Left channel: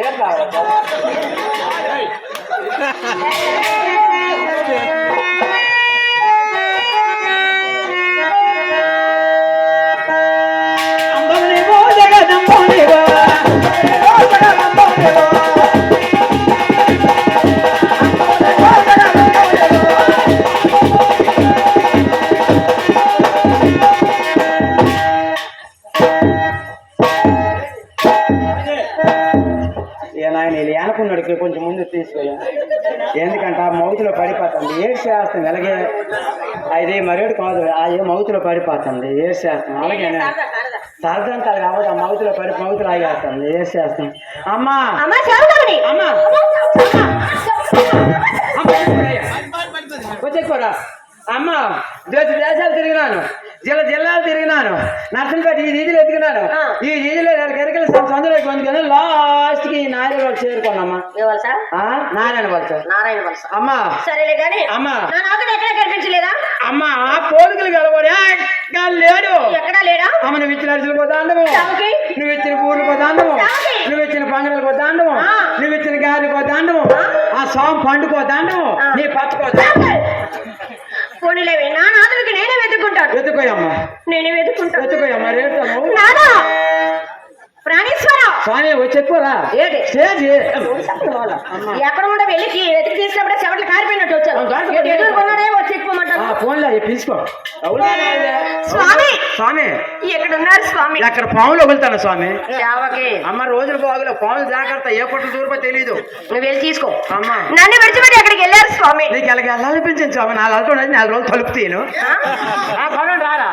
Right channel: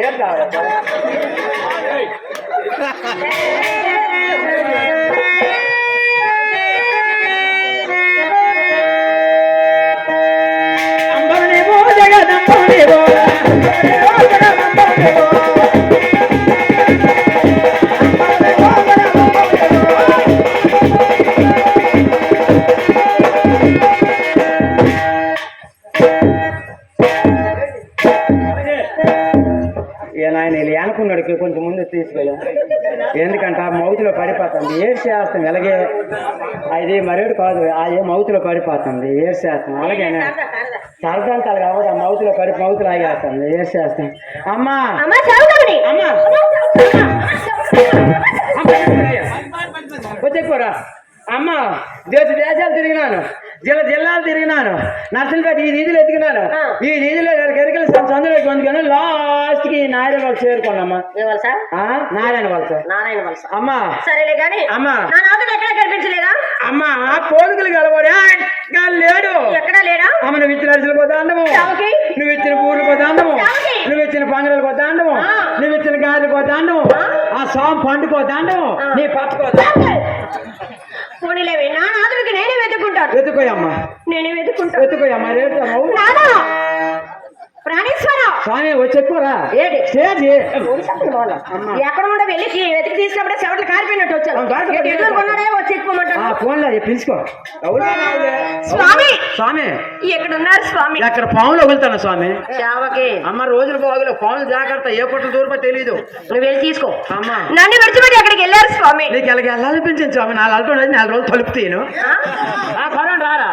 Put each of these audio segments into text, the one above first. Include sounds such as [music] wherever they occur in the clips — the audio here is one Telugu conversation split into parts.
ఏం ఎలాగే అది మరేడు కాదు ఆ ఏ మౌతులో పడిపోతుంది ఏడు చేస్తాం అలాగే సరదంతాలు కావద్దు ఆ మౌతులో పడి మౌతులు ఆగేస్తుంది ఏడు చేస్తాం అమ్మా! అమ్మా వచ్చేకోరా అమ్మ దేశ దేశాలు తిరిగినాను. జిల్లా జిల్లాలు తిరిగినాను. నర్సంపేట ఈ వీధిలో ఎదిగినాను. ఈ వీధిలో గరికల సందులోకి పొందుకొని లాస్ట్కి నారాయణ వాళ్ళు చేరుకున్నామ్మా ఏ వలస నారాయణ వాళ్ళు నారాయణ వలస అమ్మా. సరేలే గాని అమ్మా. నా ఎక్కడ కనిపించలేదా? అమ్మా పోలికలు కలవడే లేడు. ఎక్కడా లేడా? అమ్మ నువ్వు ఇచ్చిన అరిసెలు పోతాండము? నువ్వు ఇచ్చిన పూలు పోతాండము? నువ్వు ఇచ్చిన పంగడలు పోతాండము. నువ్వు ఇచ్చిన గాలి పోతాండము ఆ. సోమ పండు పోతాండము ఆ. నీ పప్పు పోనీలేవే నా ఎత్తుకోయమ్మా నేనే వెతుక్కుంటాను ఎత్తుకోయమ్మా రేటు ప్రాణేశ్వర స్వామి ఏంటి స్టేజ్ అమ్మా. ఎక్కడ ఉండే వెళ్ళి వెతికి తీసినప్పుడే చెవట్లు కారిపోయినట్టు వచ్చాను ఎదుర్కొన్నాడే వచ్చి ఫోన్లో పిలుచుకో. అవునా? స్వామి! స్వామి! ఎక్కడ ఉన్నారు స్వామి? ఎక్కడ పాములు వదులుతాను స్వామి? అమ్మ రోజులు బాగులే పాములు జాగ్రత్త ఏ పొట్టు దూరపో తెలీదు. నువ్వు వెళ్ళి తీసుకో. అమ్మా. నన్ను విడిచిపెట్టి ఎక్కడికి వెళ్ళారు స్వామి. నీకు ఎలాగ వెళ్ళాలనిపించింది స్వామి? నాలుగు అల్లుడు నాలుగు రోజులు తలుపు తీయను. ఆ? పర్వాలేదు రారా?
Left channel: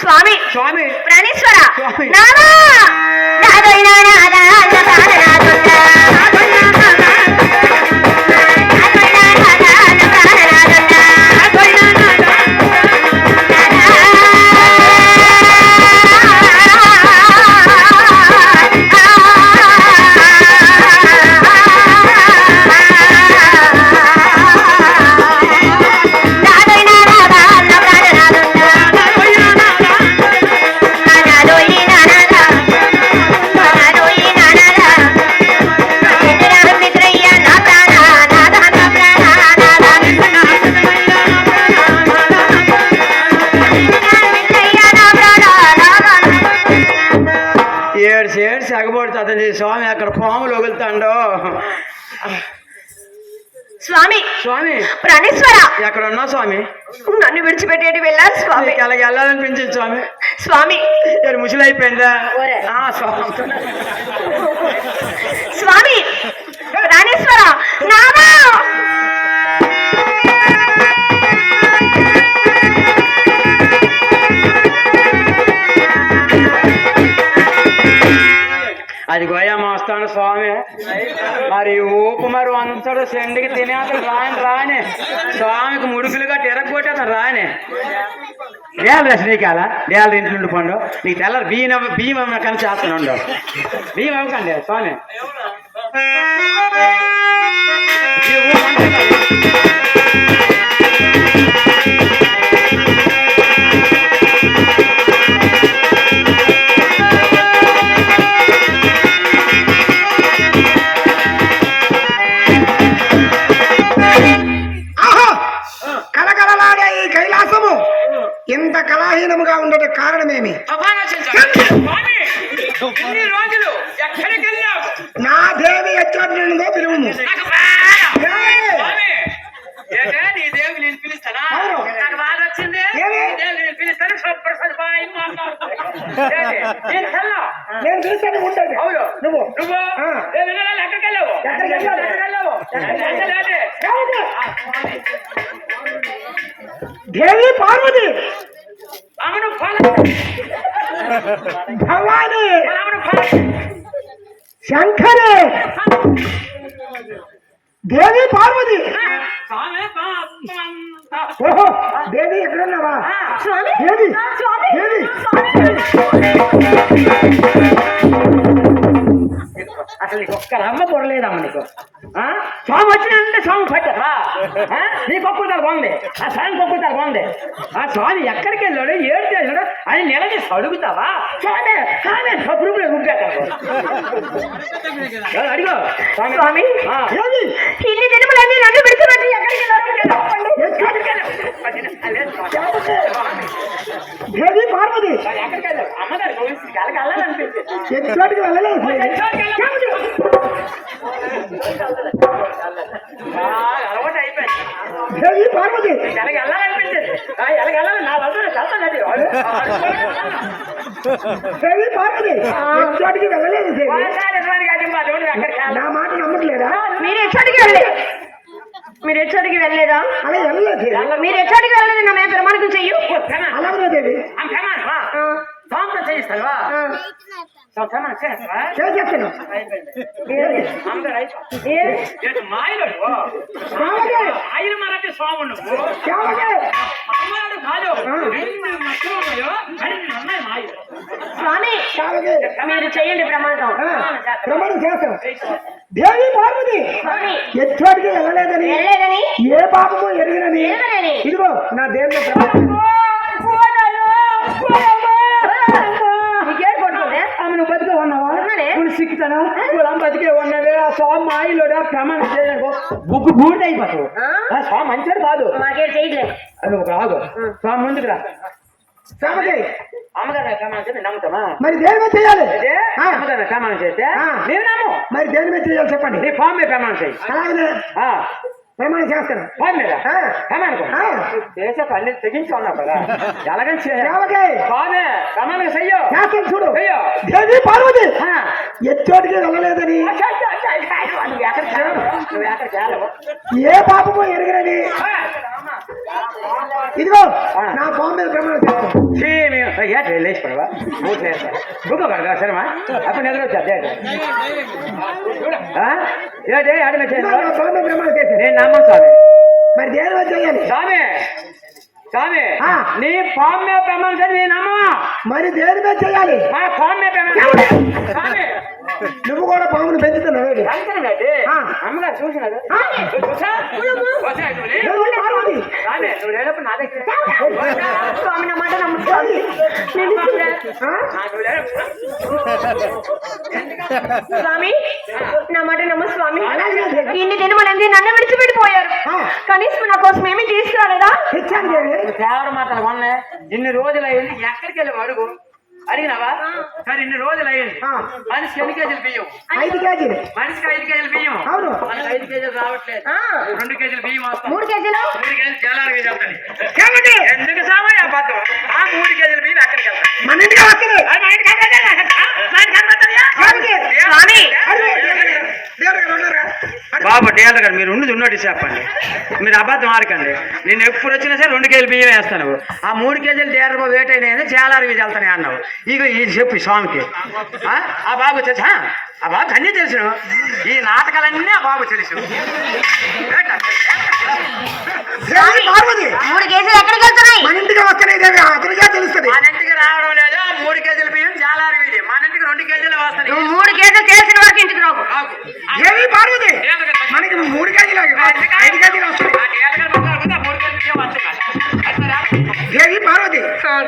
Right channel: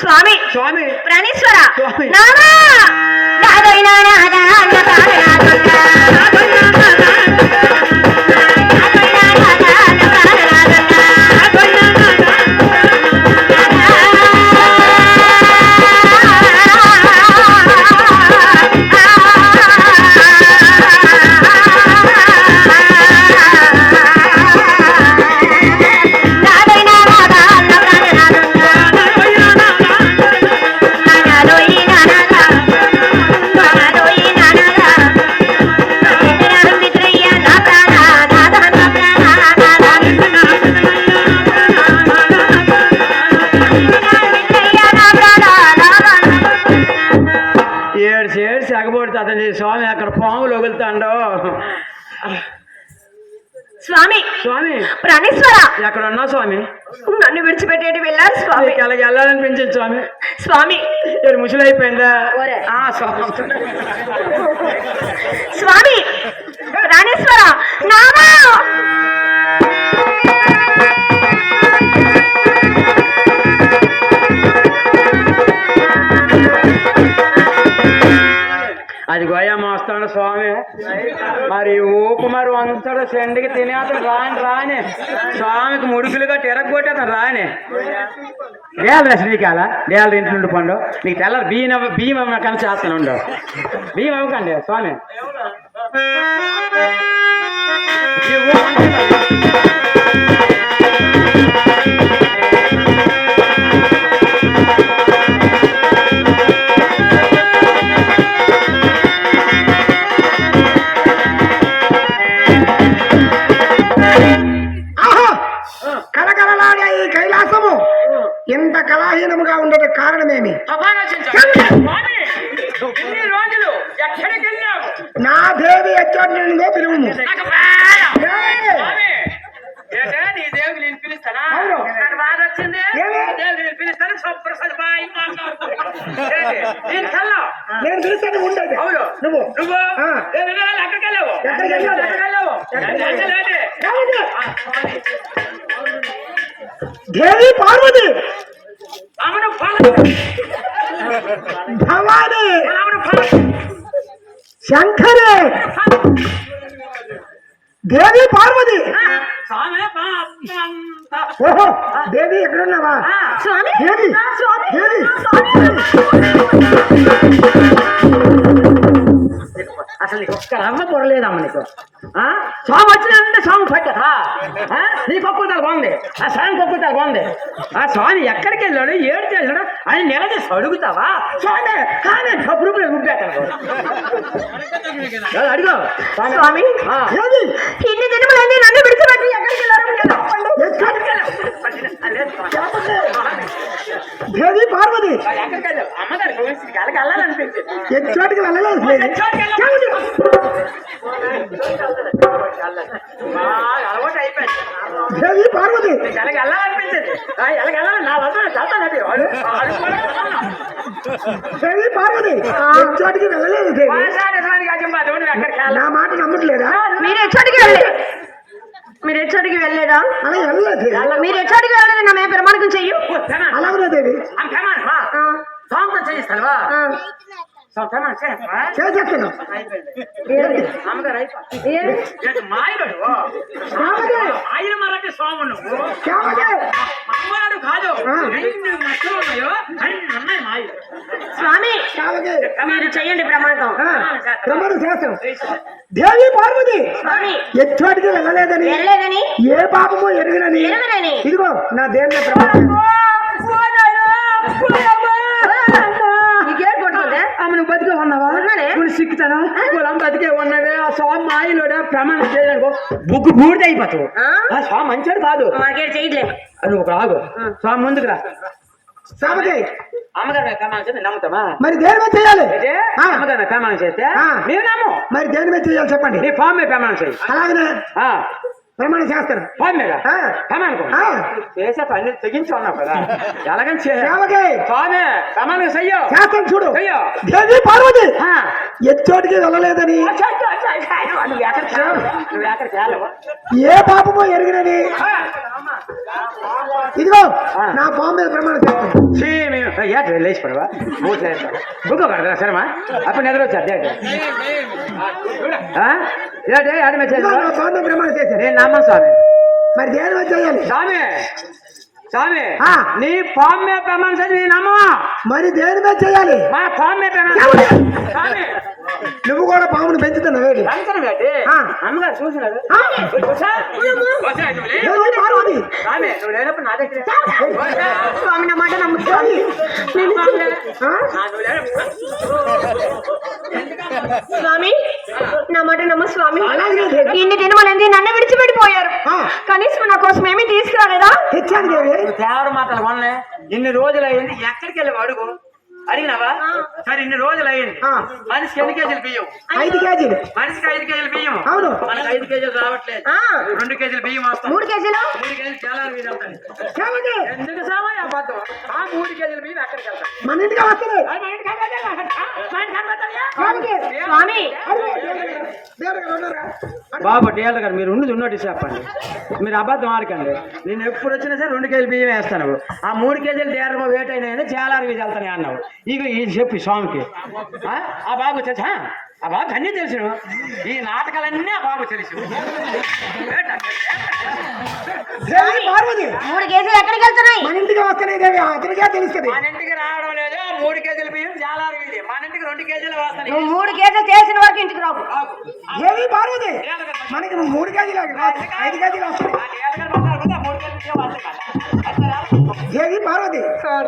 స్వామి. స్వామి. ప్రాణేశ్వర. స్వామి. నానా! నాదైనా నాదా అన్న తాన నాదొన్నా. స్వామి ప్రాణేశ్వర ఎక్కడ ఉన్నా స్వామి? నన్ను విడిచిపెట్టేటి వెళ్ళారు స్వామి. ఎలాగ వెళ్ళాలనిపించింది స్వామి. స్వామి. ఏడు ముసలి అయిపోయిందా ఓరే. ఆ, స్వామి. స్వామి. ప్రాణేశ్వర చేస్తాను స్వామి. మరి ఊపు మరి వంతడు సెండికి తినేతను రాని రాని. స్వామికి ముడుకులుగా తిరగొట్టేతను రాని. డేల శ్రీకాల డేల ఇంట్లో ఉండి పండు. నీకు తెల్లరు బియ్యం బియ్యం అమ్మ కానీ చేస్తాను ఉండవు బియ్యం అవ్వకండి స్వామి. దేవి పార్వతి! భవాని! శంకరి! దేవి పార్వతి. ఓహో దేవి ఎక్కడున్నావా? స్వామి దేవి స్వామి. దేవి. అసలు నీకు ఒక్క అమ్మ పొరలేదమ్మ నీకు. ఆ? స్వామి వచ్చినంటే స్వామి పట్ట. నీకు ఒక్కతాలు బాగుంది. ఆ స్వామి ఒక్కతాలు బాగుంది. ఆ స్వామి ఎక్కడికి వెళ్ళాడు ఏడు చేశాడు అని నిలదీసి అడుగుతావా? స్వామి కానీ కబురు ఏ, అడిగో. స్వామి ఇన్ని దినములన్నీ నన్ను విడిచిపెట్టి ఎక్కడికి వెళ్ళారో పార్వతి వెళ్ళలేదు పార్వతి ఆ, నా పార్వతి వెళ్ళలేదు నా మాట నమ్మట్లేదా మీరు ఎచ్చడికి వెళ్ళలేదు మీరు ఎచ్చడికి వెళ్ళలేదా అలా వెళ్ళలేదు దేవి మీరు ఎచ్చడికి వెళ్ళలేదు నా మీద ప్రమాణకం చెయ్యు. అలాగే దేవి ఆ, సాంతం చేయిస్తావా? ఆ. ప్రమాణం చేస్తావా? చేసేస్తున్నాం ఏంటి? అమ్మగారు అయిపోయింది ఏంటి? మాయలు? మాయలు మరంటే స్వామి నువ్వు. స్వామి మీరు చెయ్యండి ప్రమాణం ప్రమాణం చేస్తాం. దేవి పార్వతి స్వామి. ఎచ్చోటికి వెళ్ళలేదని వెళ్ళలేదని. ఏ పాపము ఎరగనని. ఇదిగో నా దేవుని ప్రమాణం నీకేం పట్టుకుంటే అమ్మ నువ్వు బతికే ఉన్నావా పొలం బతికే ఉన్నవే ఆ స్వామి మాయలోడా ప్రమాణం బూడిద అయిపోతావు ఆ? ఆ స్వామి మంచివాడు కాదు. మాకేం చేయట్లే నువ్వు స్వామి ముందుకు రా. అమ్మగారు ప్రమాణం నమ్ముతామా? మరి దేని మీద చేయాలి. అమ్మగారు ప్రమాణం చేస్తే ఆ. నేను నమ్ము. మరి దేని మీద చేయాలి చెప్పండి? నీ ఫామ్ మీద ప్రమాణం చేయి. ఆ, ప్రమాణం చేస్తాను ఫామ్ మీద ఆ. ప్రమాణం కో. ఆ. చేసే పని తెగించి ఉన్నావు కదా. ఎలాగని ప్రమాణం చెయ్యో. చేస్తాను చూడు. దేవి పార్వతి. ఎచ్చోటికి వెళ్ళలేదని. ఏ పాపము ఎరగనని ఇదిగో నా బాంబే ప్రమాణం చేస్తాను. బూట్లు వేస్తా బుక్క పడరా సరేమా? అప్పుడు నిద్ర వచ్చా అదే ఏంటి ఆడి బాంబే ప్రమాణం చేశాను నేను నమ్మను స్వామి. మరి దేని మీద చేయాలి? స్వామి స్వామి. నీ ఫామ్ మీద ప్రమాణం చేసి నేను నమ్మ. మరి దేని మీద చేయాలి? మా ఫామ్ మీద ప్రమాణం స్వామి. నువ్వు కూడా పామును పెంచుతున్నావు. అమ్మగారు చూసినారు ఆ. వచ్చా? వచ్చా, నువ్వు లే. దేవి పార్వతి స్వామి నువ్వు లేనప్పుడు నా దగ్గర స్వామి నా మాట నమ్ము స్వామి ఆ? నాకు లేనప్పుడు స్వామి నా మాట నమ్ము స్వామి. ఇన్ని దినమనేది నన్ను విడిచిపెట్టిపోయారు. కనీసం నా కోసం ఏమీ తీసుకురాలేదా? తెచ్చాను దేవి. తేవడ మాటలు కొన్నే ఇన్ని రోజులు అయింది ఎక్కడికి వెళ్ళి అడుగు? అడిగినావా? సరే ఇన్ని రోజులు అయింది. మనిషికి ఎన్ని కేజీలు బియ్యం? ఐదు కేజీలు. మనిషికి ఐదు కేజీలు బియ్యం అవును. మనకి ఐదు కేజీలు రావట్లేదు. రెండు కేజీలు బియ్యం వస్తాం మూడు కేజీలు? మూడు కేజీలు చాలా వెళ్తాయి. ఎందుకు సామాన్ అబద్ధం? ఆ మూడు కేజీలు బియ్యం ఎక్కడికి వెళ్తాయి. మన ఇంటికి వస్తుంది అది మా ఇంటికి వెళ్ళదా? మా ఇంటికి వెళ్ళదా? స్వామి బాబు డేల్ గారు మీరు ఉన్నది ఉన్నట్టు చెప్పండి. మీరు అబద్ధం ఆడకండి. నేను ఎప్పుడు వచ్చినా సరే రెండు కేజీలు బియ్యం వేస్తాను ఆ మూడు కేజీలు డేర్ వేట్ అయినాయి చాలా అరవై వెళ్తానే అన్నావు. ఇక ఇది చెప్పు స్వామికి. ఆ? ఆ బాబు వచ్చేసి "ఆ, ఆ బాబు అన్నీ తెలుసును ఈ నాటకాలన్నీ ఆ బాబు తెలుసు. పార్వతి? మూడు కేజీలు ఎక్కడికి వెళ్తున్నాయి? మన ఇంటికి వస్తున్నాయి దేవి అతనికే తెలుస్తుంది. మన ఇంటికి రావడం లేదు మూడు కేజీల బియ్యం చాలా అరవై మన ఇంటికి రెండు కేజీలు వస్తాయి నువ్వు మూడు కేజీలు తెలిసిన వరకు ఇంటికి రాకు. బాబు. దేవి పార్వతి? మనకి మూడు కేజీలు ఐదు కేజీలు వస్తాయి. దేవి పార్వతి.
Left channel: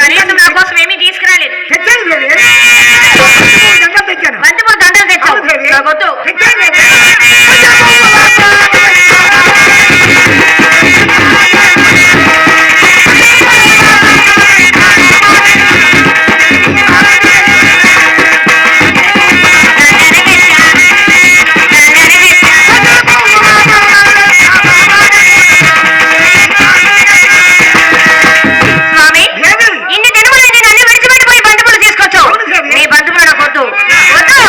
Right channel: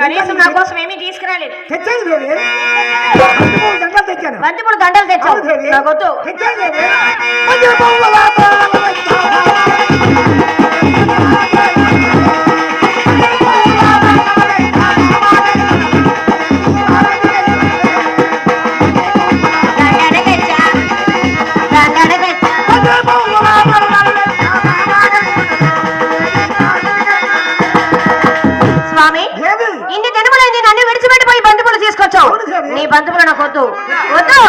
కనీసం నా కోసం ఏమీ తీసుకురాలేదు. తెచ్చాను దేవి. బంతిపూల దండలు తెచ్చాను స్వామి దేవి ఇన్ని దినములైంది నన్ను విడిచిపెట్టిపోయి బంతిపూలు తీసుకొచ్చావు. నీ బంతిపూలు నాకు వద్దు. వద్దు.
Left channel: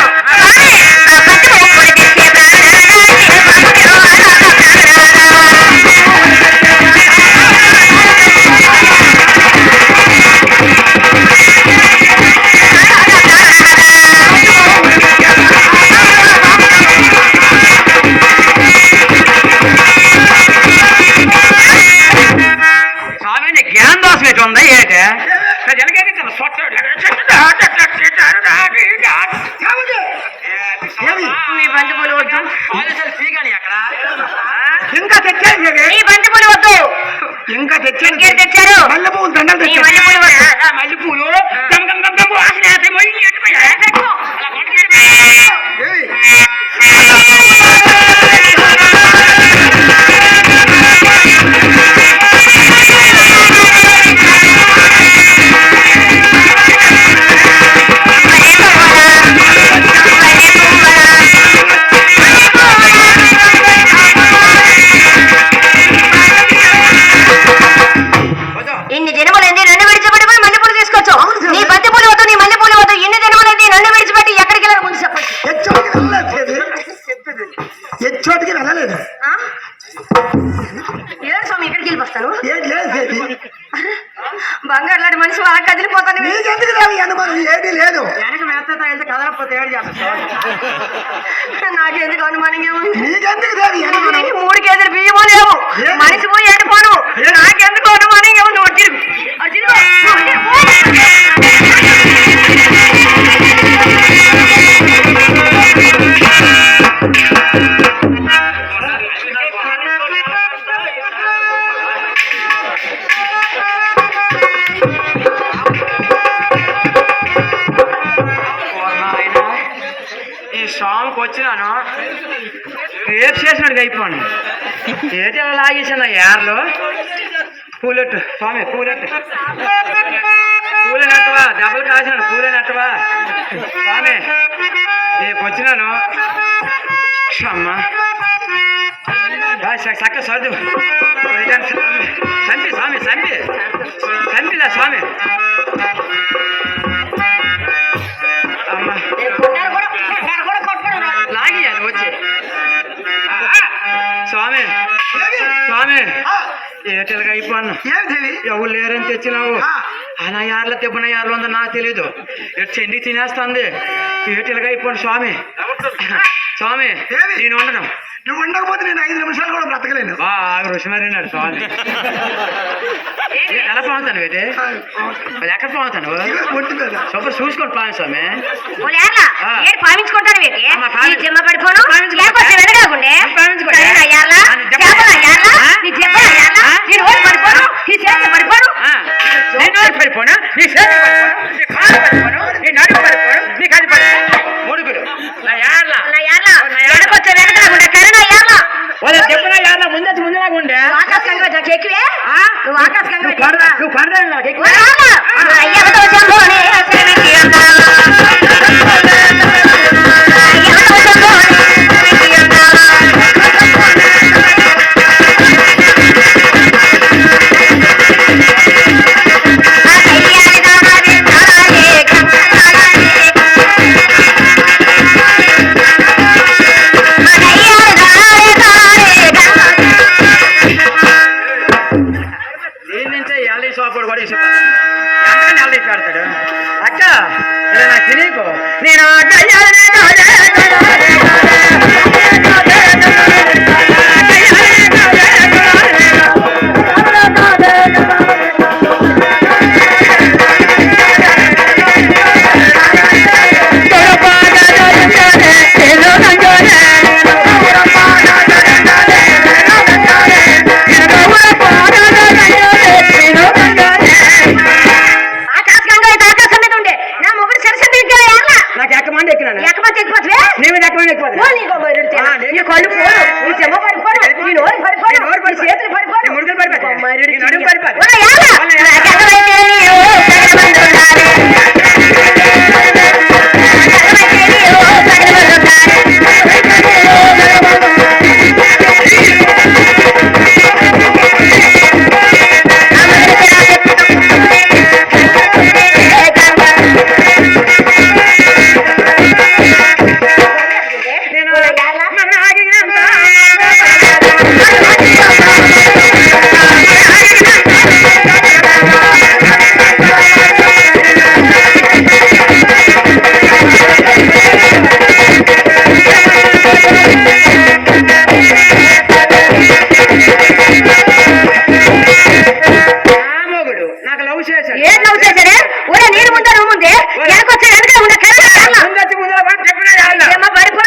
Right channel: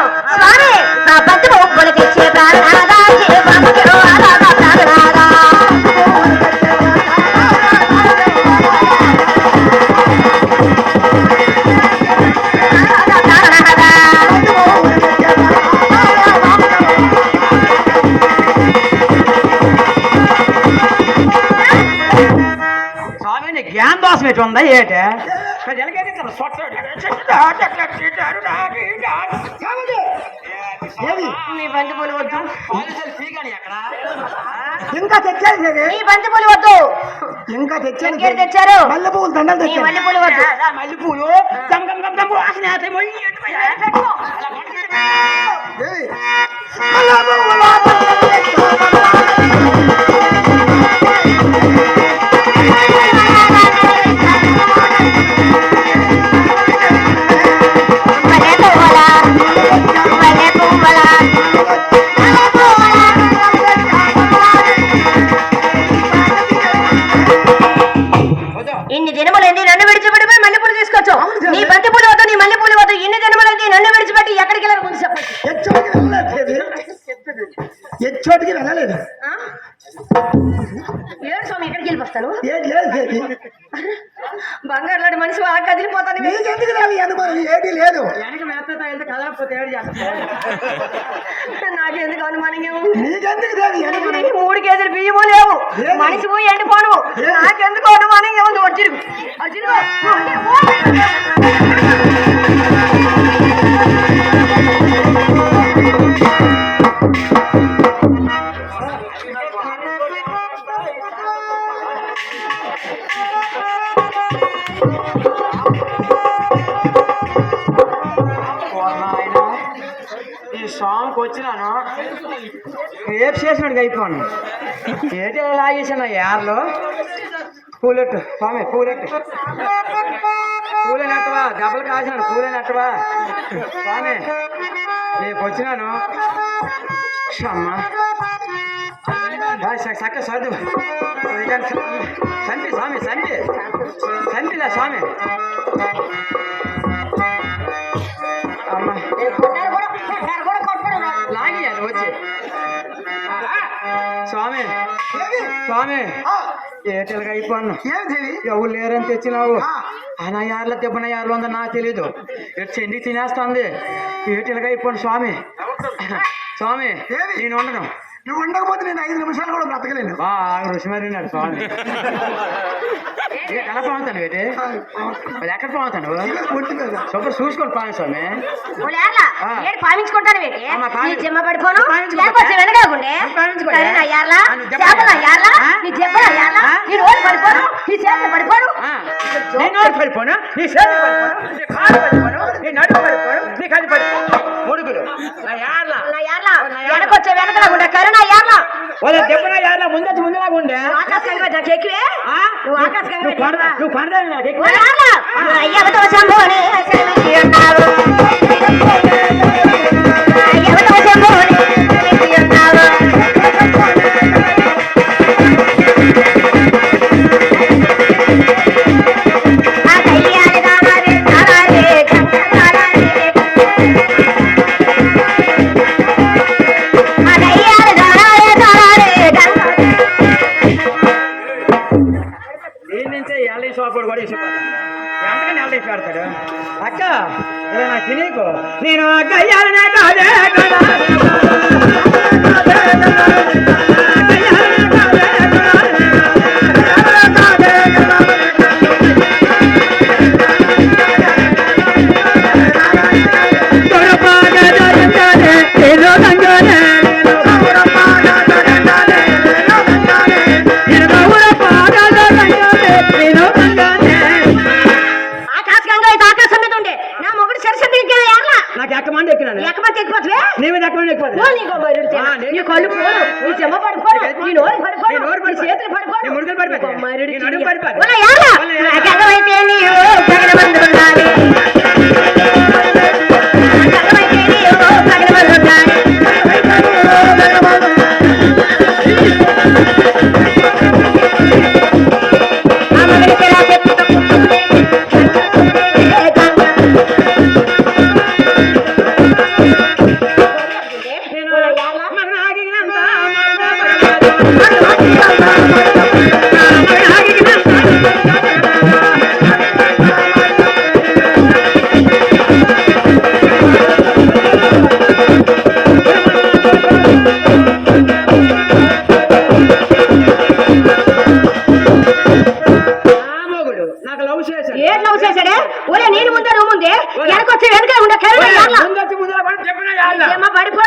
ఇంకా తెచ్చారు ఈ బంతి పూలు వద్దు. ఇంకా తెచ్చారు తెచ్చారు? మల్లె పూలు దండలు తెచ్చారు. మల్లె పూలు వద్దు మల్లె పూలు [laughs] నాకెందుకు అనుమానంగా ఉంది? నీకెందుకు మూడు కేజీలు బియ్యము లేవు. మనిషి పోయి ఎండిపోను. నాకెందుకు వచ్చినాను. రేపు చేసినట్టుగా అయిపోను ఏది లాగేసాను ఏర్లో పూలెట్టు స్వామి పూలెట్టు. పూలనట్టవా దెబ్బలు కాసినాడు పూలనట్టవా. స్వామి రేపు వచ్చినాను. అమ్మ చక్క చదువు సంపి స్వామి సంపి సంపిలా స్వామి. ఏటలుగా అయిపోను. ఎవరు లేరని తెచ్చినావు? ఆ. నా యార్ల దెబ్బన యార్లు ఉందో నాకు తెలీదు. ఎటు చెండి తినేస్తుంది? ఏటలుగా అయిపోను స్వామి. స్వామి? నేను ఉండను. నువ్వు ఉండకపోతే నేను ఐదు నిమిషాలు కూడా బ్రతకలేను. బాగా రుచిమరినాడు స్వామి. ఏ, ఎలా పోతాను అది ఎక్కడ పోతాను సూపర్ చూసుకొని పోను స్వామి. ఆ. నీ చేతి పడిపోను నీ కాలు పడిపోను నీ నడుము పడిపోను నీ కది పడిపోను ముడుగులు. నా యార్ల. నా యార్లా. వెనకొచ్చే వెనకాకుండే కరుణ అయ్యాలా వాళ్ళ దెబ్బన యార్ల. ముందే ఉండే. ఆకాశంగా నాకు ఎక్కువే ఆ? నువ్వు ఆకాశంగా నువ్వు పడదా నువ్వు పడదా నాకు ఎక్కువ అయ్యవతో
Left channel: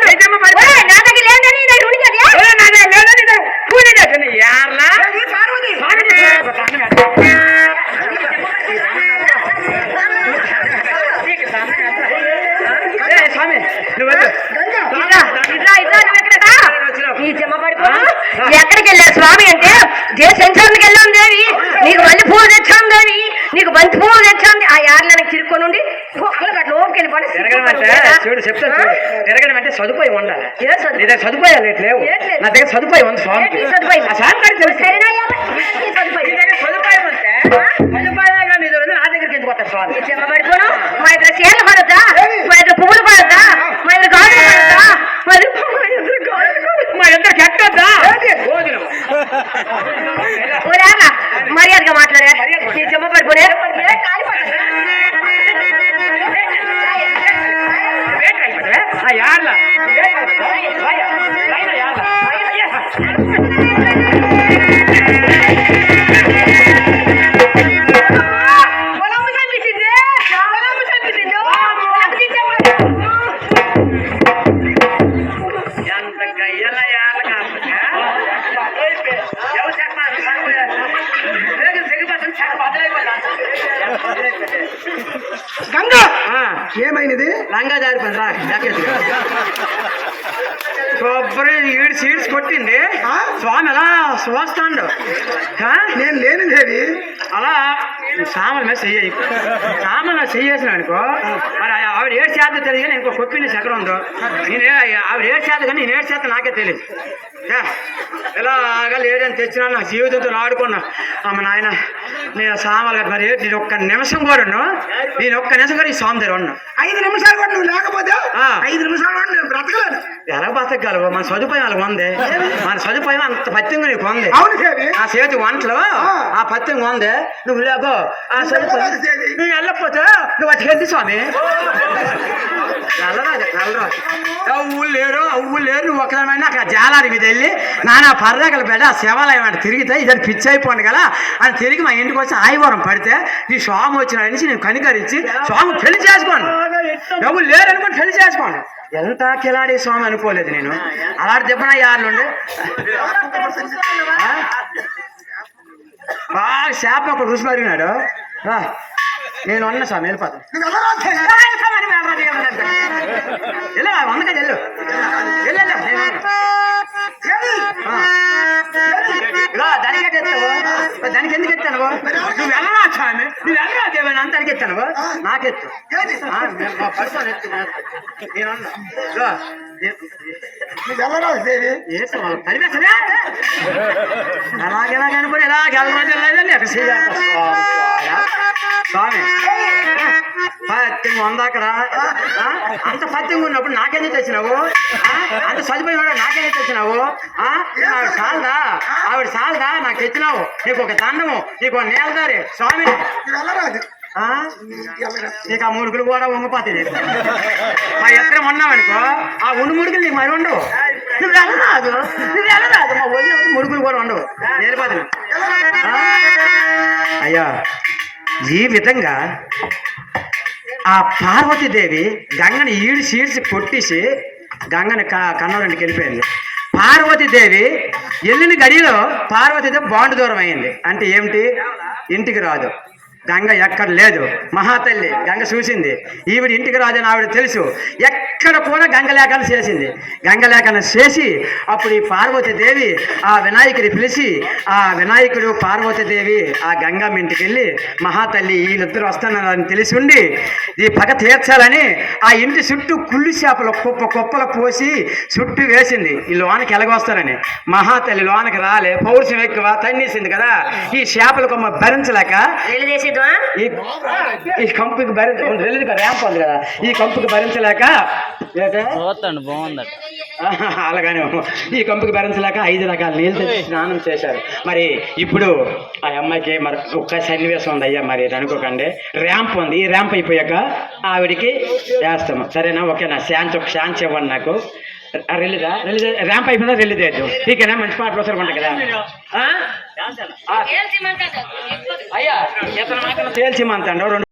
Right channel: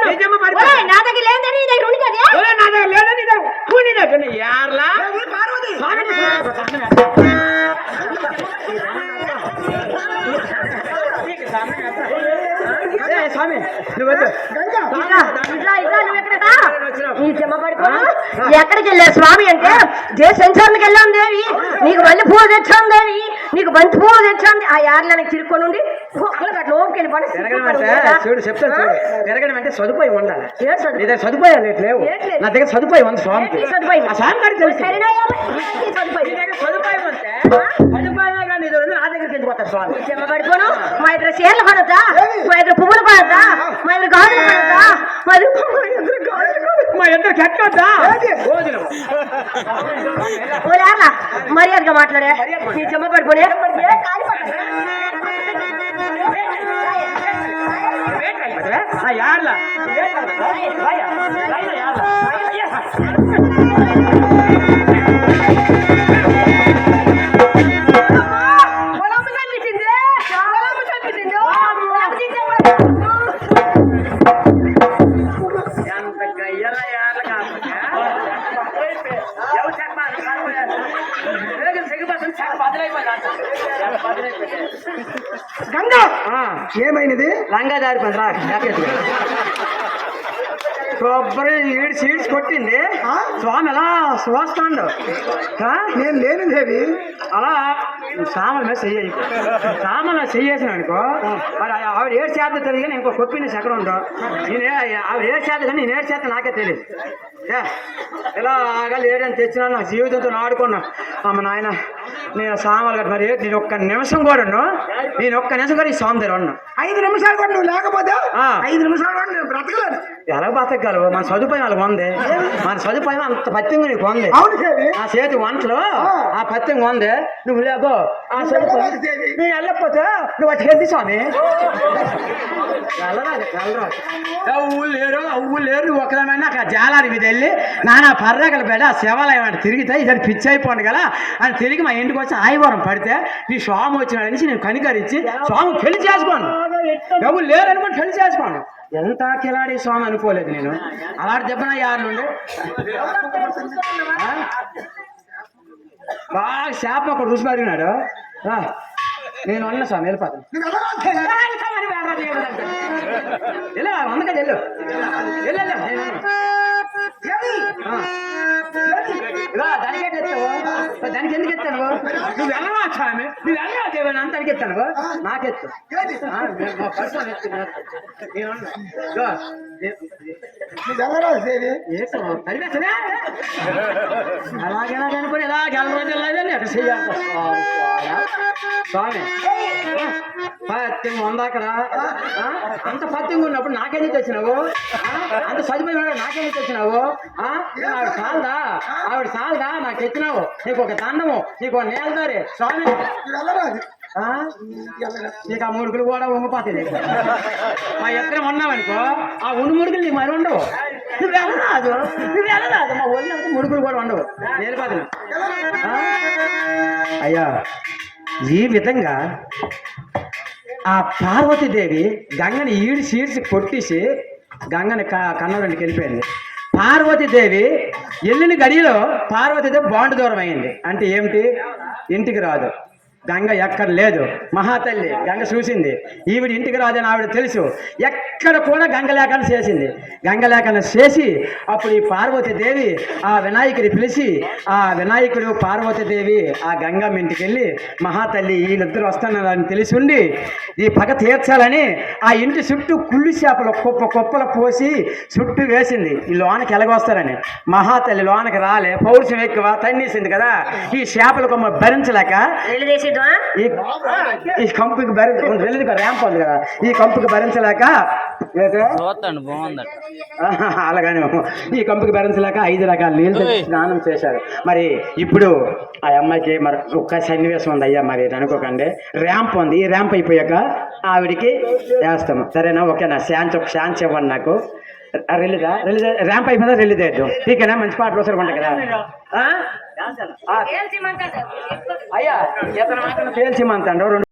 నిజమ్మ లేదని నేను నాదే లేదని యార్లా. పార్వతి. స్వామి నువ్వు నీ ఎక్కడికి వెళ్ళా స్వామి అంటే దే సంచారానికి వెళ్ళాం దేవి. నీకు మళ్ళీ పువ్వు తెచ్చాం దేవి. నీకు బంతి పువ్వు తెచ్చాం ఆ యార్ల నాకు చిరుక్కొని ఉండి అట్లా లోపలికి వెళ్ళి పడి చూడు చెప్తాను చూడు. తిరగడం అంటే సదుపాయం ఉండాలి? నీ దగ్గర సదుపాయాలు ఏంటి లేవు? నా దగ్గర సదుపాయం ఉంది స్వామి. సదుపాయం? గారికి తెలుసు. సదుపాయం? నీ సదుపాయం దగ్గరికి ఎందుకు వస్తారు స్వామి? పడిపోను. మా ఇద్దరు చీరలు పడద్దా మా ఇద్దరు పువ్వులు పడద్దా మా ఇద్దరు గాజులు పడద్దా మా ఇద్దరు మా ఇద్దరు కట్టద్దా భోజనం. ఓరేగా మర్యాదగా మాట్లాడే. నీ చెమ్మ పడిపోలే గంగ. ఏమైనది లంగా జారిపోయింది రా కొబ్బరి ఈడు సీడ్స్ కొట్టింది స్వామి అలా చూస్తాడు నేను లేని దేవి అలా సామాన్ మీద చెయ్యి. సామాన్ మీద చెయ్యేసిన అనుకో మరి ఆవిడ ఏడు చేత తెలియదు కానీ ఇంకో కొప్పిని ఎక్కడ ఉందో. నేను ఏ- ఆవిడ ఏడు చేత కానీ నేను ఏడు చేత నాకే తెలియదు. ఏ, ఇలాగా లేదని తెచ్చినా నా జీవితంతో ఆడుకున్నా. అమ్మ నాయన నేను కట్టి మరి నేను ఒక్క నిమిషం కూడా నేను ఒక్క నిమిషం కూడా ఈ స్వామి దగ్గర ఉన్నా ఐదు నిమిషాలు కూడా నువ్వు లేకపోతే. ఐదు నిమిషాలు కూడా నేను బ్రతకలేను ఎలా బతకగలవు మన సదుపాయం వాళ్ళకి ఉంది. మన సదుపాయం అంత పత్యంగా నీకు ఉంది. ఆ చేతి వంటలు ఆ. పత్యం ఉంది. నువ్వు లేకో ఆ సదుపాయం దేవి నేను వెళ్ళకపోతే నువ్వు అటుకెళ్తే స్వామి. వెళ్ళరాదు వెళ్ళరాదు లేరు ఊళ్ళు లేరు నువ్వు ఒకదాని జాలారి మీద వెళ్ళి నానా పర్రగల బిడ్డ ఆ శివాలయం అంటే తిరిగితే ఇద్దరు పిచ్చి అయిపోండి కదా. అని తిరిగి మా ఇంటికి వచ్చి ఆయివారం పడితే ఈ స్వామి వచ్చినాడని నేను కనికరించి స్వామి పెళ్ళి చేసుకోండి. ఎవరు లేరు అనుకోండి పెళ్ళి చేసుకోండి. ఎంత కిలాడి స్వామి అనుకోలేదు నేను. అలాంటి దెబ్బన యారు నుండి? బాగా చేప ఒక రుచి పడినాడు రా. నేను అన్న స్వామి వెళ్ళిపోతాను దేవి? వెళ్ళు వందక వెళ్ళు వెళ్ళు. దేవి, దానికి ఎందుకు ఎత్తాను? నువ్వు వెళ్ళరా స్వామి? నువ్వు వెళ్ళరా దేవని? అంత అడిగి ఎత్తాను. నాకెత్తు దేవి, పడుకోని ఎత్తు. నేను నువ్వు వెళ్ళరా దేవి ఏసు వాళ్ళు చేయాలి స్వామి పత్యం ఉంది అంత పత్యం ఉన్నప్పుడు నాకెందుకు తెచ్చినావు అంత సదుపాయం ఉన్నప్పుడు నాకెందుకు తెచ్చినావు ఆవిడ చాలదా ఆవిడ చాలదా నాకు తెచ్చినావు నీకు ఒక దండము నీకు ఒక నేలదారి స్వామి ఆ? నీకు ఆ ముడుకులు కూడా ఉంగిపోతాయి మా ఇద్దరం ఉన్నావనుకో ఆ ఉండు ముడుకులు నీకు మరి ఉండవు నువ్వు వెళ్ళరాదు నువ్వు వెళ్ళరాదు మా ఒళ్ళు ముడుకులు కూడా ఉండవు. నేర్పాదు అయ్యా ఈ విధంగా ఆ పార్వతీదేవి గంగని ఈడ్చి ఈడ్చి కొట్టేసి గంగని క కన్నవరింటికి వెళ్ళిపోయింది. పార్వతీదేవి వెళ్ళిన గడిలో పార్వతీదేవి బాండ్ దూరం అయింది. అంటే ఏమిటి? ఇంటికి రాదు. గంగ ఎక్కడ లేదు. మహాతల్లి గంగ చూసింది. ఈవిడ ఇంటికి రాదని ఆవిడ తెలుసు. ఎక్కడ కూడా గంగ చేసింది. గంగ చేసి అప్పుడు ఈ పార్వతీదేవి ఆ వినాయకుడి పిలిచి ఆ వినాయకుడు పార్వతీదేవి ఆ గంగమ్మ ఇంటికి వెళ్ళి మహాతల్లి వీళ్ళిద్దరు వస్తున్నారని తెలిసి ఉండి ఈ పగ తీర్చాలని ఆ ఇంటి చుట్టూ కుళ్ళు చేపలు కుప్ప కుప్పలు పోసి చుట్టూ వేసింది. ఈ లోనకి ఎలాగొస్తారని. మహాతల్లి లోనకి రాలే. పౌరుషం ఎక్కువ తన్నేసింది కదా. ఈ చేపల కొమ్మ భరించలేక ఈ ఈ కంపుకి భరించ ర్యాంప్ ఉంది కదా. ఈ కంపుకి భరించలేక ఏంటే? చూస్తాండి బాగుందట. అలాగని ఈ కంపుకి భరించలేక ఐదు రకాల నీళ్ళు తెచ్చి స్నానం చేశారు. మరి ఇప్పుడు ఆ అమ్మాయికి మరి ఒక్క సన్నివేశం ఉంది అయ్యా మరి అనుకోకండి. ర్యాంప్ ఉంది. ఈ ర్యాంప్ అయిపోయాక ఆవిడికి వేస్తాము. సరేనా? ఓకేనా? శాంతి ఒక శాంతి ఇవ్వండి నాకు. రిలీజా రిలీజ్ ర్యాంప్ అయిపోయిందా? రిలీజ్ అవుతుంది ఠీకేనా మంచి పాటలు వస్తారు ఉంటాయి కదా. అయ్యా ఇతను మాత్రం తేల్చిమంతండు